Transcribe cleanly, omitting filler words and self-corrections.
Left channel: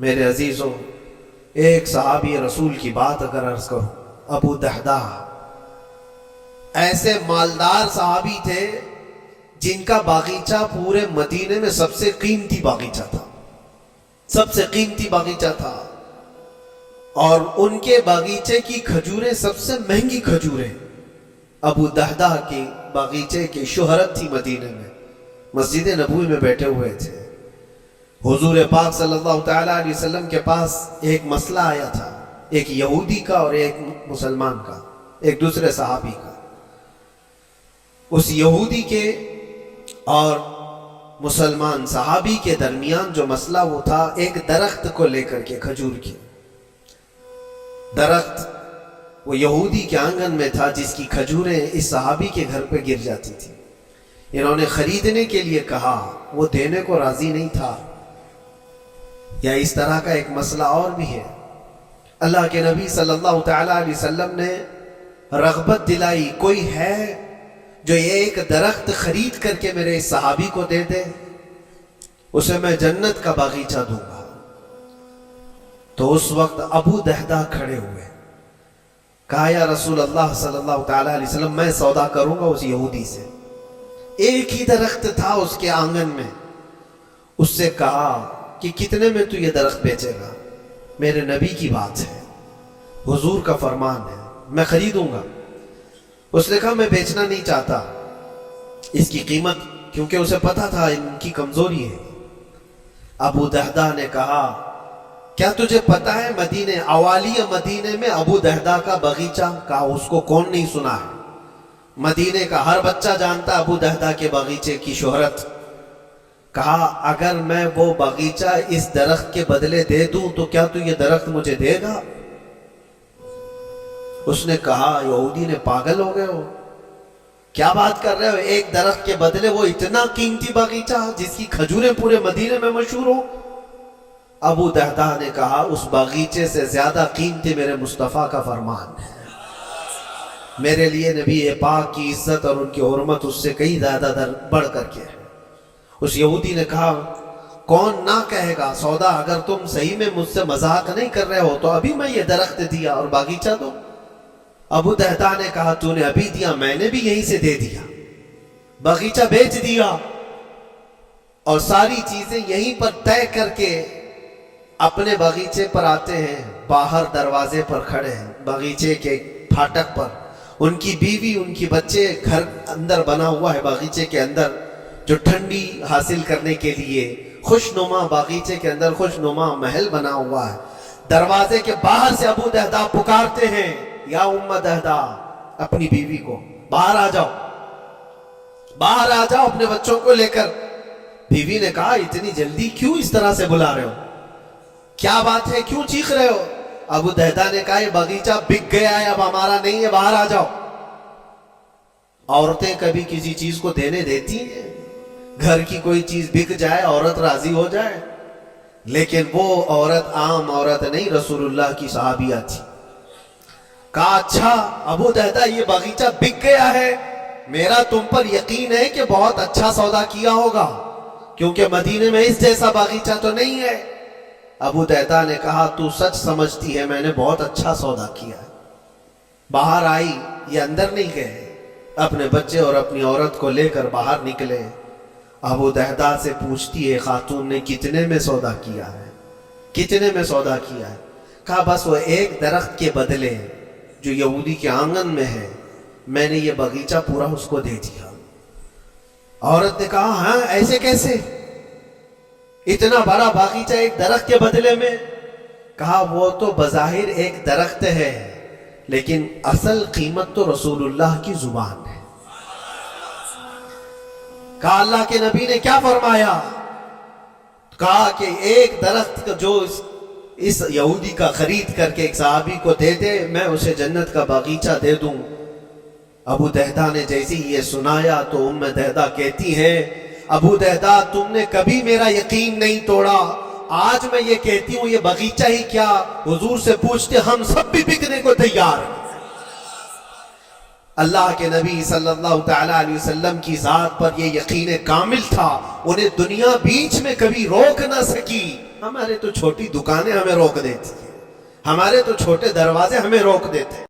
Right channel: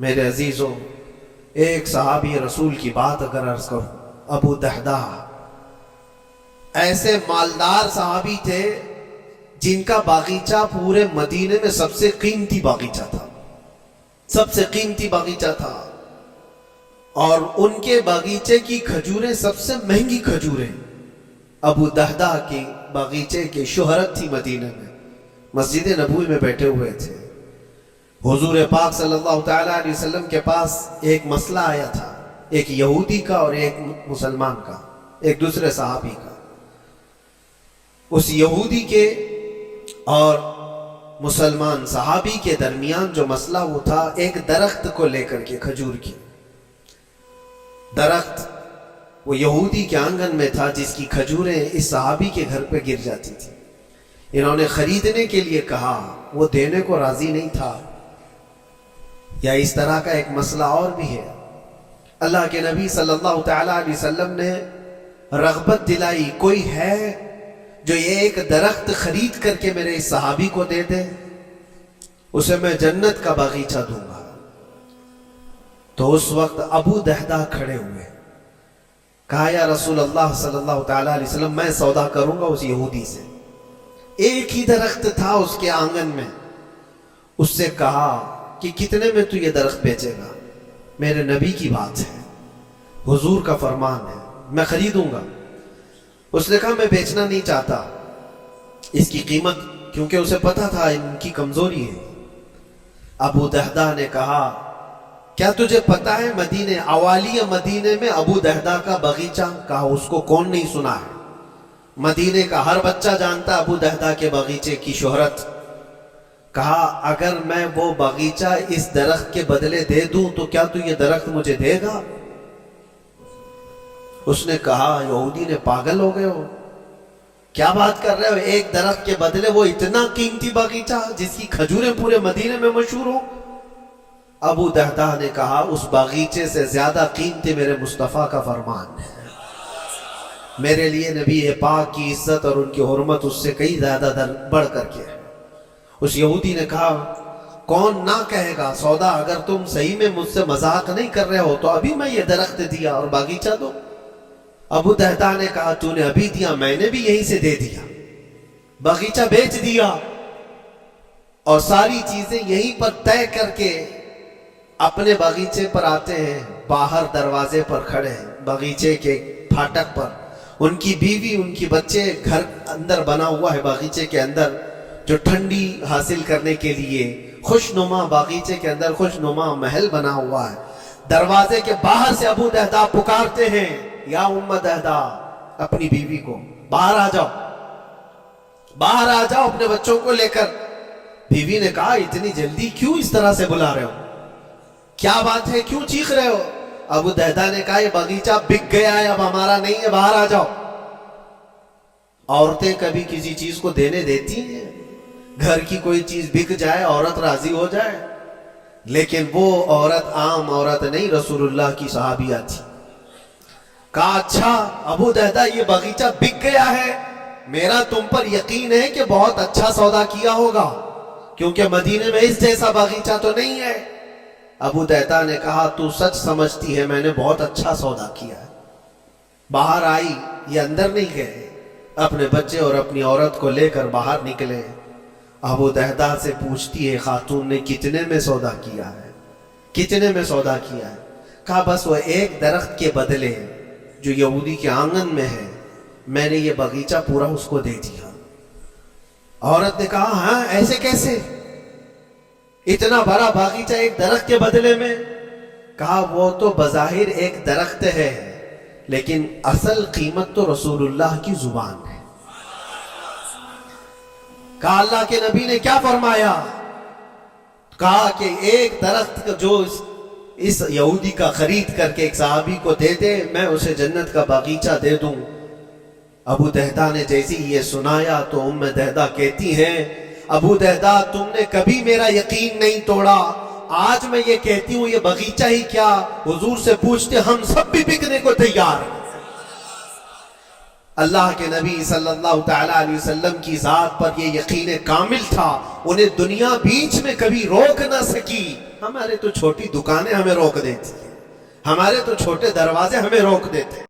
میرے عزیزوں، ایک صحابی رسول کی بات اگر عرض کروں، ابو دہدہ ایسے مالدار صحابی تھے جن کا باغیچہ پورے مدینے میں سب سے قیمتی باغیچہ تھا، سب سے قیمتی باغیچہ تھا، اور ان کے باغیچے کی کھجوریں سب سے مہنگی کھجوریں ابو دہدہ کی باغیچے کی شہرت تھی مدینے میں۔ مسجد نبوی میں بیٹھے ہوئے تھے، حضور پاک صلی اللہ تعالیٰ علیہ وسلم کے پاس ایک مسئلہ آیا تھا، ایک یہودی کا اور ایک مسلمان کا، ایک دوسرے صحابی کا۔ اس یہودی کے اور مسلمان صحابی کے درمیان جو مسئلہ وہ تھا، ایک درخت کو لے کر کے، کھجور کی درخت وہ یہودی کے آنگن میں تھا جس کی کھجوریں اس صحابی کے گھر پہ گر جاتی تھی۔ انہوں نے خریدنے کے لیے کہا، وہ دینے کو راضی نہیں تھا۔ یا اس طرح کا ایک مسئلہ اور بھی ہے، اللہ کے نبی صلی اللہ تعالیٰ علیہ وسلم نے رغبت دلائی، کوئی ہے جو یہ ایک درخت خرید کر کے میرے اس صحابی کو دے دے، اسے میں جنت کا باغیچہ دوں گا۔ تو اس وقت ابو دہدہ کھڑے ہوئے، کہا یا رسول اللہ صلی اللہ تعالیٰ علیہ وسلم، میں سودا کروں گا اس یہودی سے۔ ایک ہی درخت تھا اس کے آنگن میں۔ اس سے کہا کہ کتنے میں تو یہ درخت بیچے گا؟ میرے نبی کی بات ہے، حضور کا فرمان ہے، میں خریدوں گا۔ اس نے کہا میں بیچنا نہیں چاہتا اس کی قیمت، کیونکہ اسے پتا تھا ان کی کمزوری ہے۔ ابو دہدہ نے کہا کیا تجھے پتا ہے مدینے، اوالی مدینے میں ابو دہدہ کا باغیچہ؟ کہا اس کو کون نہیں سنا ہے، مدینے کا ہر بچہ جانتا ابو دہدہ کے باغیچے کی شہرت۔ کہا اگر میں وہ باغیچہ اس درخت کے بدلے دے دوں تو کیا تو یہ درخت مجھے دے گا؟ اس نے کہا یہودی نے، پاگل ہو گئے ہو، کیا بات کر رہے ہو؟ ایک درخت کے بدلے وہ اتنا قیمتی باغیچہ جس کی کھجوریں پورے مدینے میں مشہور ہو؟ ابو دہدہ نے کہا اس باغیچے سے زیادہ قیمتی میرے مصطفیٰ کا فرمان ہے، میرے لیے نبی پاک کی عزت اور ان کی حرمت اس سے کئی زیادہ بڑھ کر کے ہے۔ اس یہودی نے کہا کون نہ کہے گا سودا، اگر تم صحیح میں مجھ سے مذاق نہیں کر رہے ہو تو ابھی میں یہ درخت دیا اور باغیچہ دو۔ ابو دہدہ نے کہا تو نے ابھی دیا، میں نے بھی یہیں سے دے دیا، باغیچہ بیچ دیا اور ساری چیزیں یہیں پر طے کر کے اپنے باغیچے پر آتے ہیں۔ باہر دروازے پر کھڑے ہیں، باغیچے کے پھاٹک پر، ان کی بیوی ان کی بچے، گھر اندر بنا ہوا ہے باغیچے کے اندر جو ٹھنڈی حاصل کرنے کے لیے خوشنما، باغیچے کے اندر خوشنما محل بنا ہوا ہے۔ دروازے کے باہر سے ابو دہدہ پکارتے ہیں یا ام دہدہ، اپنی بیوی کو، باہر آ جاؤ، باہر آ جاؤ اپنے بچوں کو لے کر۔ بیوی نے کہا اتنی جلدی کیوں اس طرح سے بلا رہے ہو، کیا بات ہے، کیوں چیخ رہے ہو؟ ابو دہدہ نے کہا یہ باغیچہ بک گیا ہے، اب ہمارا نہیں ہے، باہر آ جاؤ۔ عورتیں کبھی کسی چیز کو دینے دیتی ہیں؟ گھر کی کوئی چیز بک جائے عورت راضی ہو جائے، لیکن وہ عورت عام عورت نہیں، رسول اللہ کی صحابیہ تھی۔ کہا اچھا ابو دہدہ یہ باغیچہ بک گیا ہے، میرا تم پر یقین ہے کہ بہت اچھا سودا کیا ہوگا، کیونکہ مدینے میں اس جیسا باغیچہ تو نہیں ہے۔ ابو دہدہ نے کہا تو سچ سمجھتی ہے، میں نے بہت اچھا سودا کیا ہے۔ باہر آئی، یہ اندر نہیں گئے، اپنے بچے اور اپنی عورت کو لے کر باہر نکلے۔ ابو دہدہ سے پوچھتی ہے خاتون نے کتنے میں سودا کیا ہے، کتنے میں سودا کیا ہے؟ کہا بس وہ ایک درخت کے بدلے جو یہودی کے آنگن میں ہے، میں نے یہ باغیچہ پورا اس کو دے دیا۔ عورت نے کہا ہاں ایسے کیسے، اتنا بڑا باغیچہ ایک درخت کے بدلے میں؟ کہا وہ تو بظاہر ایک درخت ہے، لیکن اصل قیمت تو رسول اللہ کی زبان ہے۔ کہا اللہ کے نبی نے کیا فرمایا؟ کہا کہ ایک درخت جو اس یہودی کا خرید کر کے ایک صحابی کو دے دے، میں اسے جنت کا باغیچہ دے دوں۔ ابو دہدہ نے جیسے ہی یہ سنایا تو ام دہدہ کہتی ہیں ابو دہدہ تم نے کبھی میرا یقین نہیں توڑا، آج میں یہ کہتی ہوں یہ باغیچہ ہی کیا، حضور سے پوچھتے ہم سب بھی بکنے کو تیار ہیں۔ اللہ کے نبی صلی اللہ تعالی علیہ وسلم کی ذات پر یہ یقین کامل تھا، انہیں دنیا بیچ میں کبھی روک نہ سکی۔ ہمارے تو چھوٹی دکانیں ہمیں روک دیتی ہیں، ہمارے تو چھوٹے دروازے ہمیں روک دیتے ہیں۔